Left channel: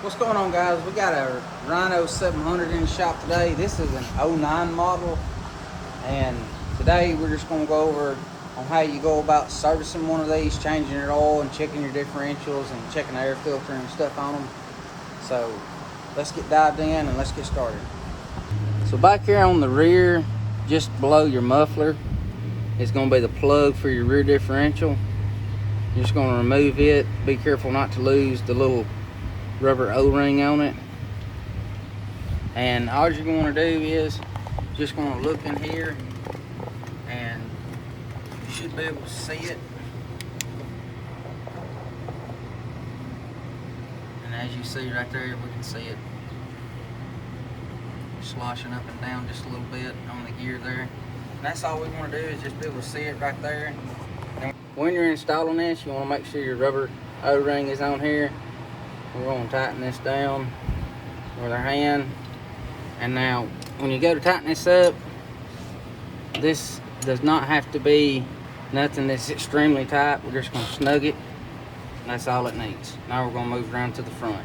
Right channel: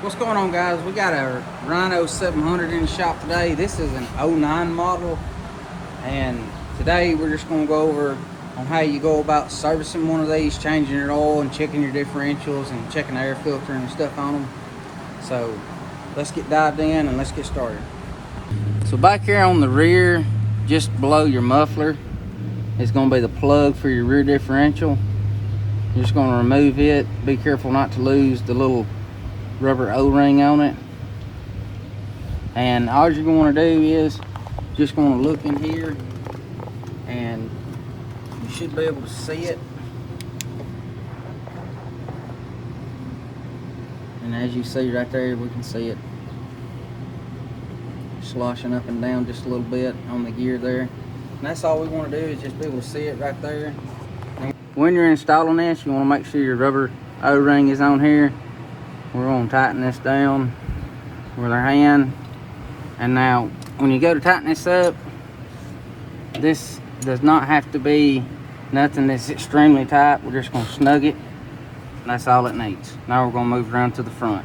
What's going on, guys? We got a Rhino 700 in the shop today. This is an 09 model, and today we're just going to go over on how you go about servicing one of these, changing your oil and checking your differentials and checking the air filter and stuff on them. So let's get dived in and let's get started. So back here on the rear, just below your muffler, is going to be the plug for your rear differential. You're just going to remove it. Be careful not to lose the little rubber O-ring on it. And all you're going to do is just going to look in here, and you should be able to see it. And as you see right there, we can see it sloshing up and down just a little bit on the gear there. And that's all we want to do, is just be able to see it right there. And when you're installing this, you want to make sure your rubber O-ring is on here. We're going to tighten this down with our hand. And now when you go to tighten this up, this does not have to be nothing that's extremely tight. We're just going to snug it, and that's all it needs. Now we're going to move around to the front.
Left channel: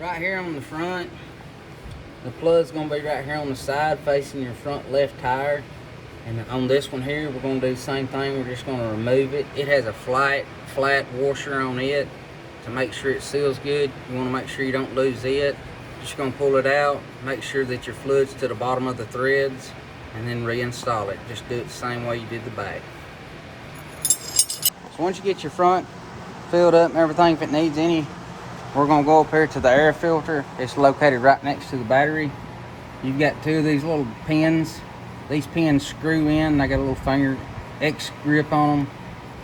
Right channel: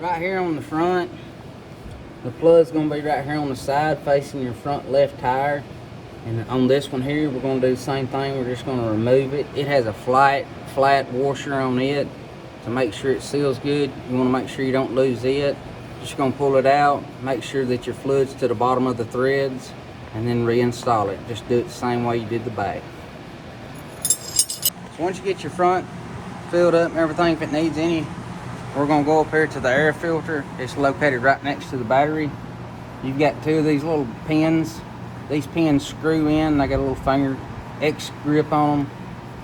Right here on the front, the plug's going to be right here on the side facing your front left tire. And on this one here, we're going to do the same thing. We're just going to remove it. It has a flat washer on it to make sure it seals good. You want to make sure you don't lose it. Just going to pull it out, make sure that your fluid's to the bottom of the threads, and then reinstall it. Just do it the same way you did the back. So once you get your front filled up and everything, if it needs any, we're going to go up here to the air filter. It's located right next to the battery. You've got two of these little pins. These pins screw in. They got a little finger X grip on them.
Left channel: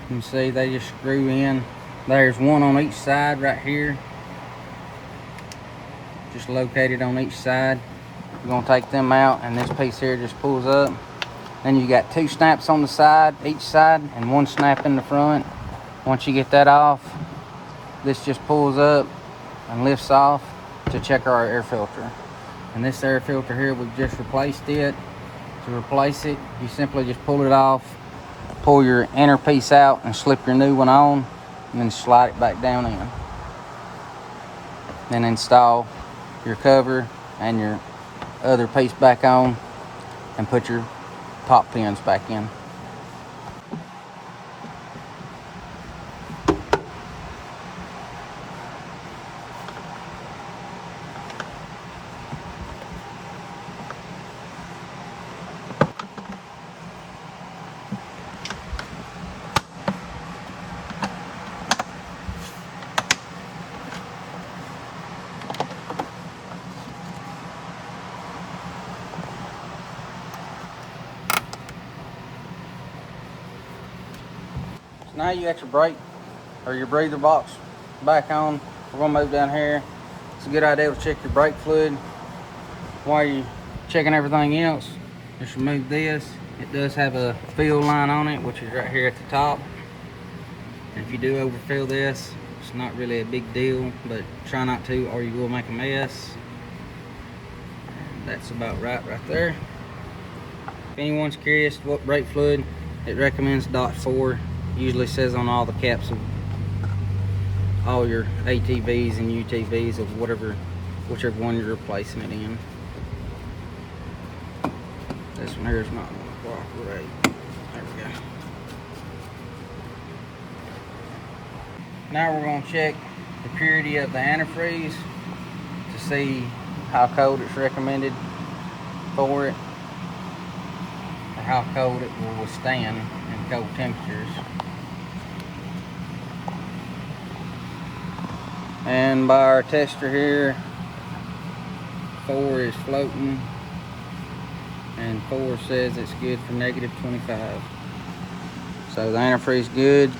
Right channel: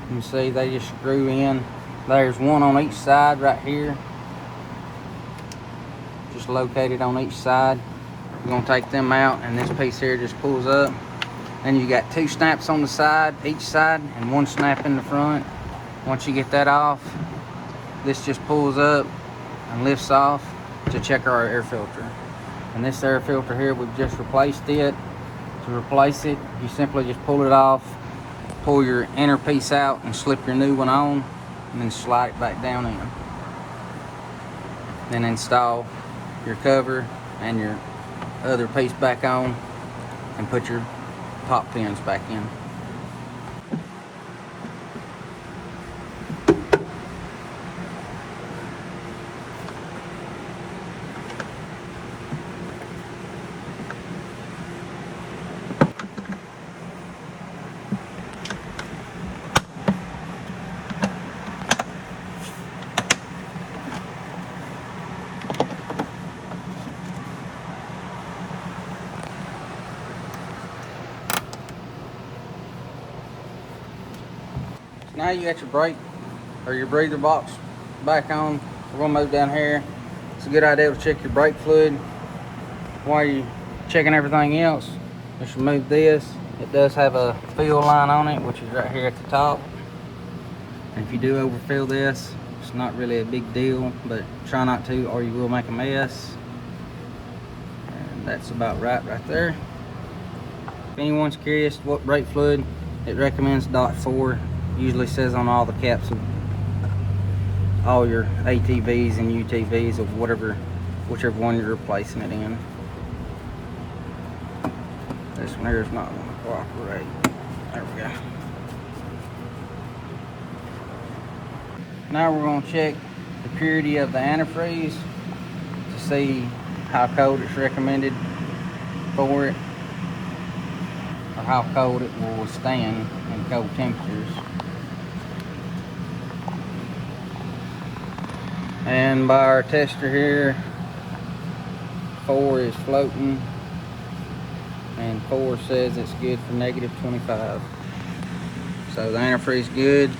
You can see they just screw in. There's one on each side right here, just located on each side. We're going to take them out, and this piece here just pulls up. And you got two snaps on the side, each side, and one snap in the front. Once you get that off, this just pulls up and lifts off to check our air filter. And this air filter here, we've just replaced it. To replace it, you simply just pull it off, pull your inner piece out, and slip your new one on, and then slide it back down in. Then install your cover and your other piece back on, and put your top pins back in. Now you got your brake or your breather box back on. We're gonna move down here. It's a good idea to check your brake fluid while you're checking everything else. Just remove this. It does have a fill line on it, which is right here at the top. And if you do overfill this, it's not really a big deal, but try not to, or you will make a mess. And that's about right there. If anyone's curious what brake fluid, it recommends .4. Usually says on all the caps of all your ATVs and UTVs of whichever one you're replacing it in. This one here is not going to cooperate. There we go. Now we're going to check the purity of the antifreeze to see how cold it's recommended for it, or how cold it will withstand in cold temperatures. And by our tester here, 4 is floating, and 4 says it's good for -25. So the antifreeze good.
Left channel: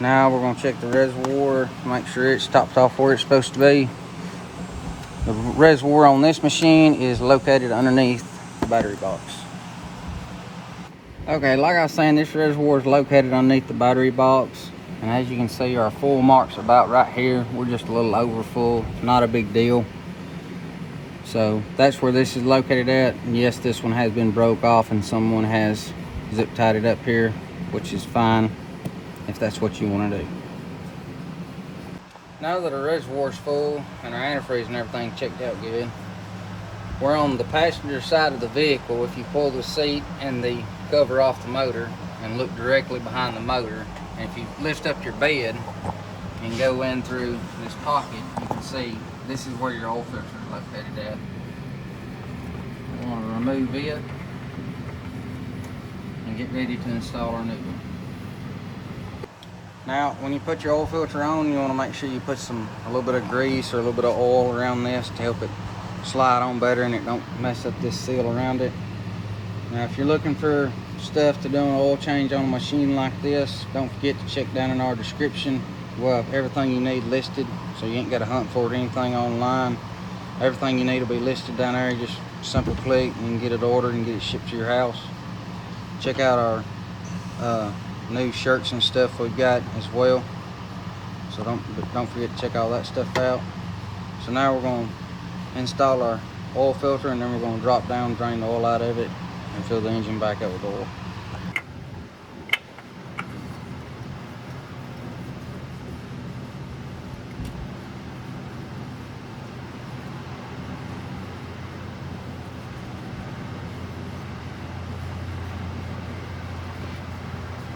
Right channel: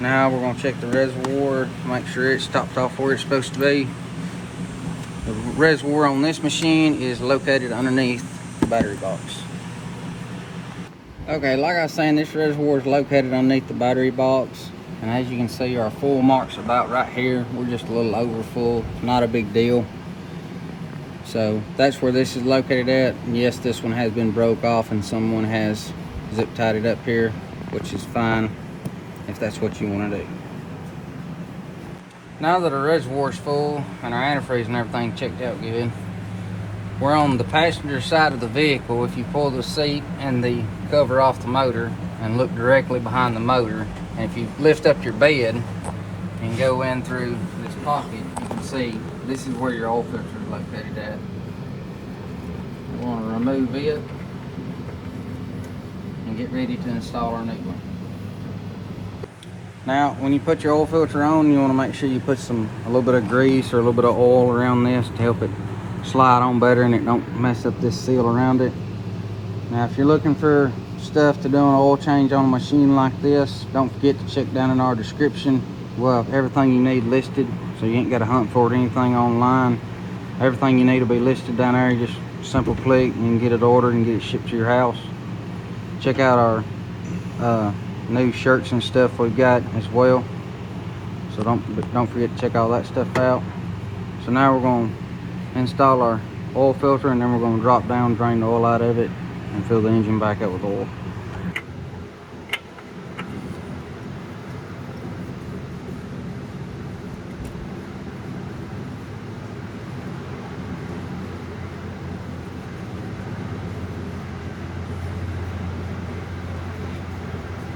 Now we're going to check the reservoir, make sure it's topped off where it's supposed to be. The reservoir on this machine is located underneath the battery box. Okay, like I was saying, this reservoir is located underneath the battery box. And as you can see, our full mark's about right here. We're just a little over full, not a big deal. So that's where this is located at. And yes, this one has been broke off and someone has zip tied it up here, which is fine if that's what you want to do. Now that our reservoir's full and our antifreeze and everything checked out good, we're on the passenger side of the vehicle. If you pull the seat and the cover off the motor and look directly behind the motor, and if you lift up your bed and go in through this pocket, you can see this is where your oil filter is located at. We want to remove it and get ready to install our new one. Now, when you put your oil filter on, you want to make sure you put a little bit of grease or a little bit of oil around this to help it slide on better and it don't mess up this seal around it. Now, if you're looking for stuff to do an oil change on a machine like this, don't forget to check down in our description. We'll have everything you need listed, so you ain't got to hunt for it anything online. Everything you need will be listed down there. Just simple click and you can get it ordered and get it shipped to your house. Check out our new shirts and stuff we've got as well, so don't forget to check all that stuff out. So now we're going to install our oil filter, and then we're going to drop down, drain the oil out of it, and fill the engine back up with oil.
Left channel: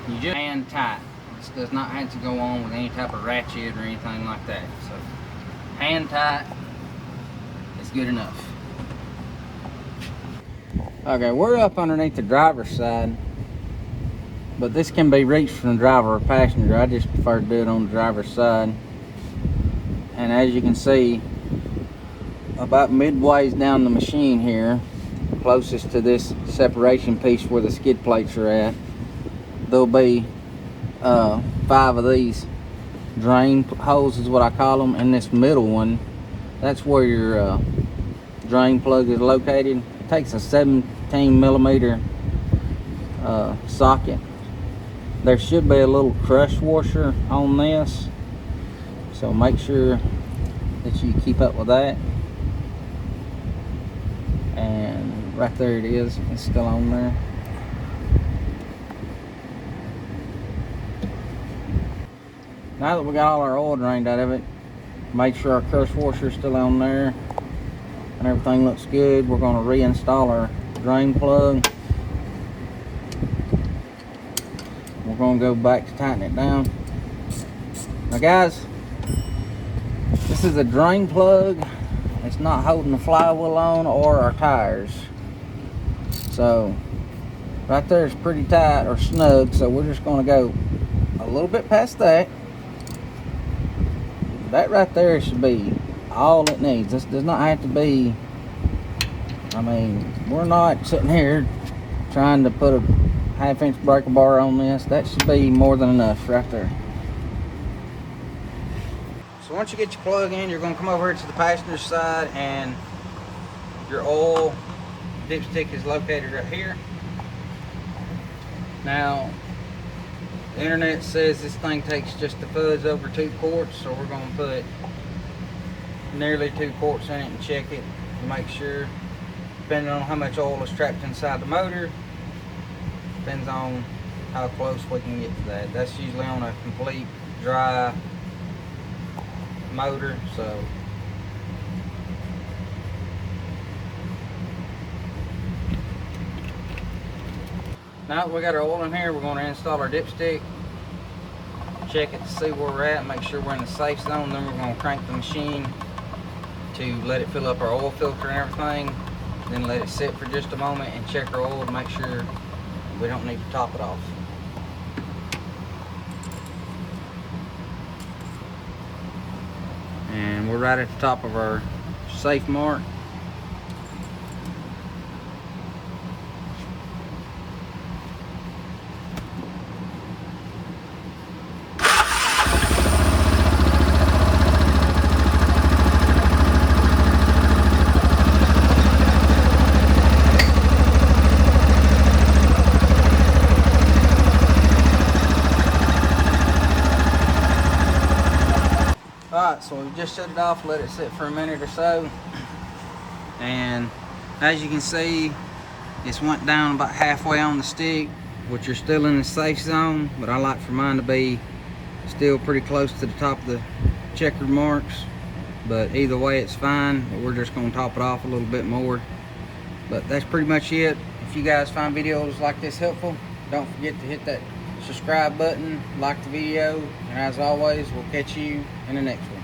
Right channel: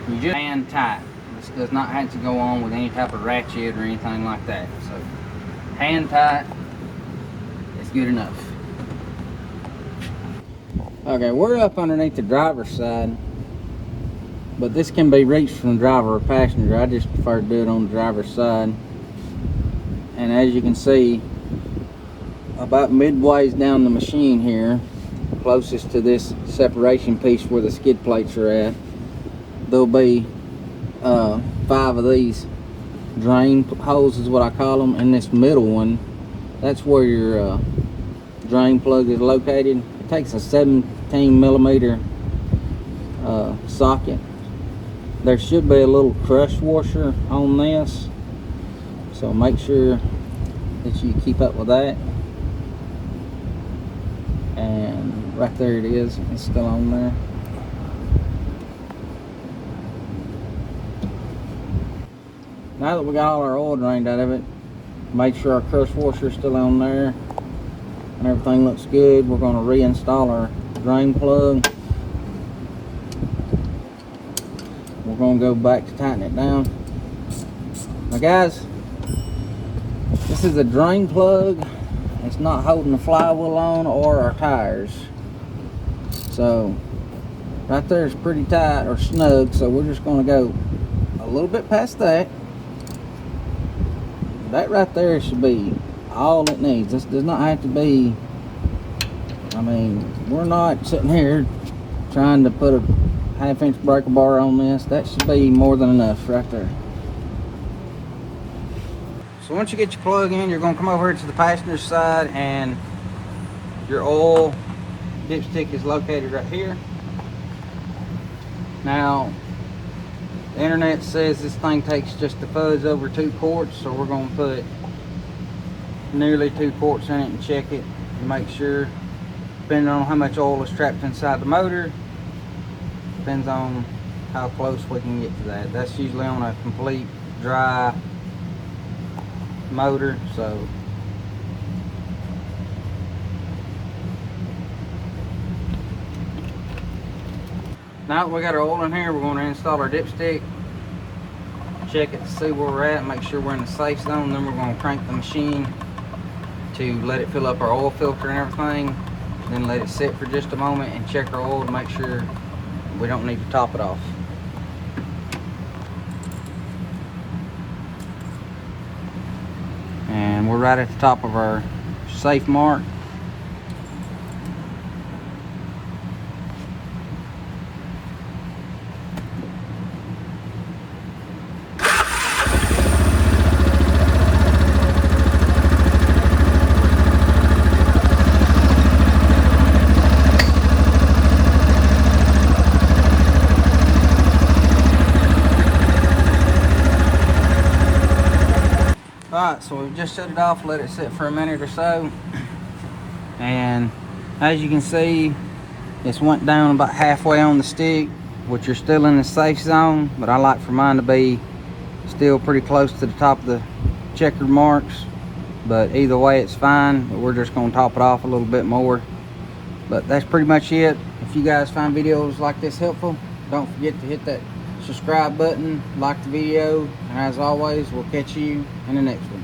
You just hand tight. This does not have to go on with any type of ratchet or anything like that. So hand tight is good enough. Okay, we're up underneath the driver's side, but this can be reached from the driver or passenger. I just prefer to do it on the driver's side. And as you can see, about midways down the machine here, closest to this separation piece where the skid plates are at, there'll be 5 of these drain holes is what I call them, and this middle one, that's where your drain plug is located. It takes a 17 millimeter socket. There should be a little crush washer on this, so make sure that you keep up with that. And right there it is, it's still on there. Now that we got all our oil drained out of it, make sure our crush washer is still on there and everything looks good. We're going to reinstall our drain plug. We're going to go back to tighten it down. Now guys, this is a drain plug. It's not holding the flywheel on or our tires. So right there is pretty tight or snug, so we're just going to go a little bit past that. That right there should be all it needs. This does not have to be, I mean, we're not sitting here trying to put a 1/2 inch breaker bar on this. That should be more than enough right there. So once you get your plug in, you're going to come over here to the passenger side, and your oil dipstick is located right here. Now, the internet says this thing takes just a fuzz over 2 quarts, so we're going to put nearly 2 quarts in it and check it and make sure, depending on how much oil is trapped inside the motor, depends on how close we can get to that. That's usually on a complete dry motor, so now that we got our oil in here, we're going to install our dipstick, check it to see where we're at, make sure we're in the safe zone. Then we're going to crank the machine to let it fill up our oil filter and everything, then let it sit for just a moment and check our oil to make sure we don't need to top it off. And we're right at the top of our safe mark. So we just shut it off, let it sit for a minute or so, and as you can see, it's went down about halfway on the stick, which you're still in the safe zone, but I like for mine to be still pretty close to the top of the checkered marks, but either way it's fine. But we're just going to top it off a little bit more. But that's pretty much it. If you guys find videos like this helpful, don't forget to hit that subscribe button, like the video, and as always, we'll catch you in the next one.